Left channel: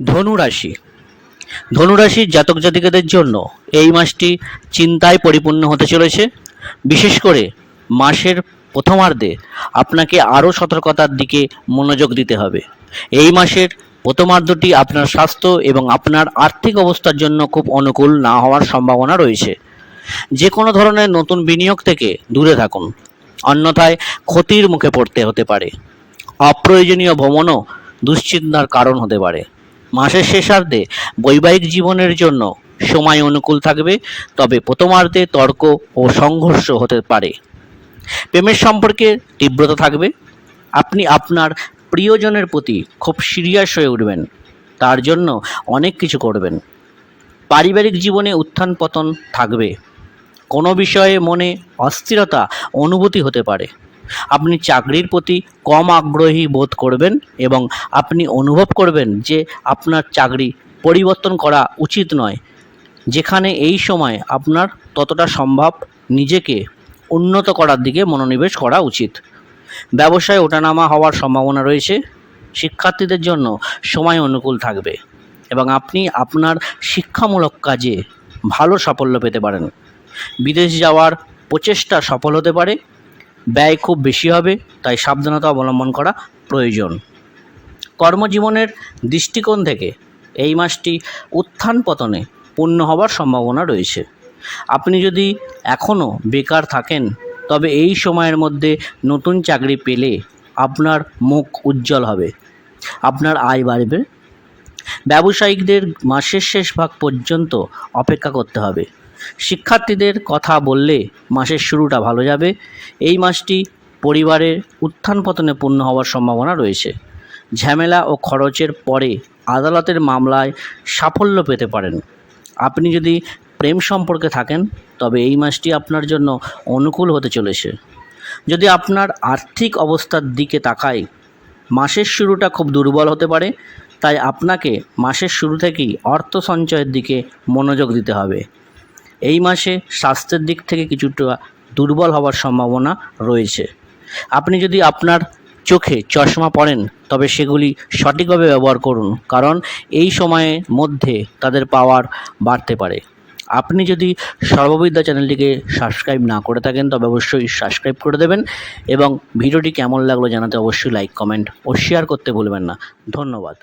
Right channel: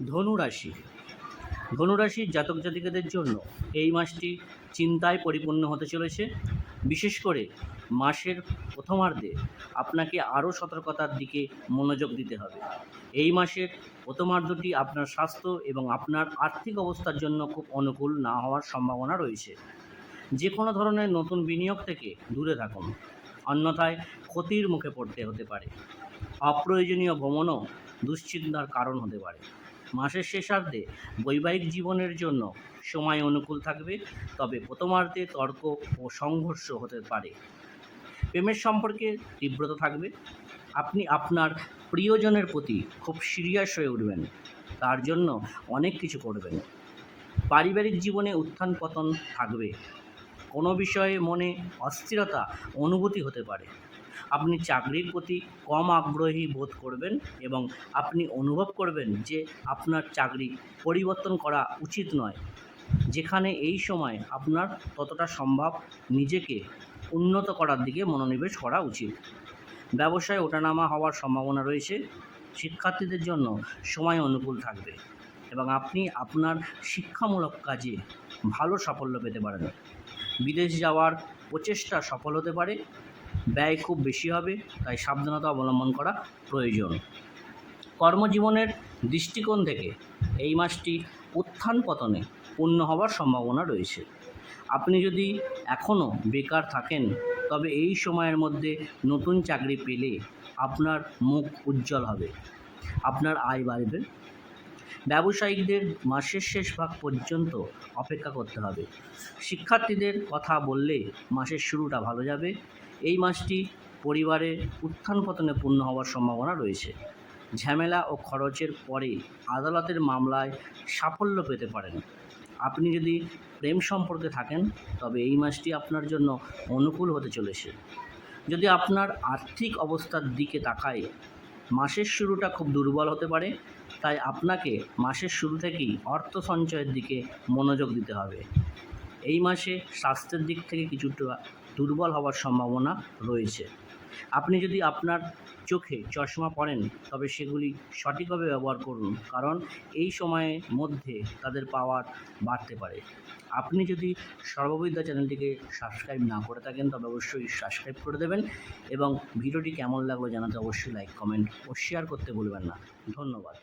ধনুরাশি। ধনুরাশির জাতক জাতিকাদের জন্য এই মাসটি চিন্তায় পরিপূর্ণ হতে চলেছে। বিশেষ করে মাসের প্রথমার্ধে আপনাকে আরও সতর্কতার দিকে মনোযোগ দিতে হবে। এই মাসের প্রথমার্ধটি আপনার স্বাস্থ্য এবং আপনার আর্থিক অবস্থার জন্য খুব অনুকূল না হওয়ার সম্ভাবনা রয়েছে। যে কোনো ধরনের নতুন বিনিয়োগ থেকে দূরে থাকুন, অন্যথায় ক্ষতির মুখে পড়তে হতে পারে। অপ্রয়োজনীয় ভ্রমণও দুশ্চিন্তার কারণ হতে পারে। মাসের শেষার্ধে বৈবাহিক জীবনের জন্য সময় অনুকূল থাকবে, তবে প্রথমার্ধে তর্ক ও সংঘর্ষ হতে পারে। প্রেমের সম্পর্কে তীব্রতা থাকবে। আপনি আপনার প্রিয়জনের প্রতি খুব সিরিয়াস হয়ে উঠবেন, তার জন্য অনেক কিছু করবেন। পারিবারিক জীবনে উত্থান পতন থাকবে। কোনো বিষয়ে মনে অস্থিরতা অনুভূতি হতে পারে। আপনি চাকরির প্রতি কম আগ্রহী বোধ করবেন এবং আপনি অনুভব করবেন যে আপনার চাকরি পরিবর্তন করা উচিত নয়, যেখানে এই সময় আপনার ততটা সম্ভব নিজেকে উন্নত করার দিকে মনোনিবেশ করা উচিত। ব্যবসায় ওঠানামা হওয়ার সম্ভাবনা রয়েছে। শিক্ষার্থীদের জন্য সময় অনুকূল থাকবে এবং আপনি আপনার শিক্ষামূলক কাজে ভালো সাফল্য পেতে পারেন। বিদেশ যাওয়ার প্রচেষ্টা সফল হতে পারে। ব্যয় খুব বেশি হবে, তাই সাবধানতা অবলম্বন করা প্রয়োজন। কর্মজীবনের দৃষ্টিকোণ থেকে এই মাসটি উত্থান পতনে পূর্ণ হওয়ার সম্ভাবনা রয়েছে। আপনি যদি এখনও বেকার থাকেন, তবে এই সময়ের মধ্যে নতুন চাকরি পেলে আপনার মুখ উজ্জ্বল হবে, আপনার আয় বাড়বে। ব্যবসায়িকদের মাসের শেষ ভাগ পর্যন্ত অপেক্ষা করতে হবে। শিক্ষার্থীদের কথা বললে মাসের শুরুটা ভালো যাবে। এই মাসটি পরিবারের উত্থান পতনে পূর্ণ হওয়ার সম্ভাবনা রয়েছে। ঝামেলা ও খরচের পরে আদালতের মামলায় সাফল্য পেতে পারেন। আপনি যদি প্রেম সম্পর্কে থাকেন, তবে এই মাসটি আপনার জন্য অনুকূল হতে চলেছে। যদি আপনার আর্থিক অবস্থার দিকে তাকাই, মাসের শুরুটা খুব দুর্বল হতে পারে, তাই আপনাকে মাসের শুরু থেকেই অর্থ সঞ্চয়ের দিকে মনোযোগ দিতে হবে। এই মাসে স্বাস্থ্যের দিক থেকে কিছুটা দুর্বল হওয়ার সম্ভাবনা রয়েছে। আপনি যদি আপনার চোখে চশমা পরেন, তবে সেগুলি সঠিকভাবে ব্যবহার করুন, কারণ এই সময়ের মধ্যে তাদের পাওয়ার বাড়তে পারে। আপনি যদি সর্ববিদ্যা চ্যানেলটিকে সাবস্ক্রাইব না করে থাকেন, তবে অবশ্যই সাবস্ক্রাইব করে দেবেন এবং ভিডিওটি কেমন লাগলো জানাতে অবশ্যই লাইক, কমেন্ট ও শেয়ার করতে ভুলবেন না। ধন্যবাদ।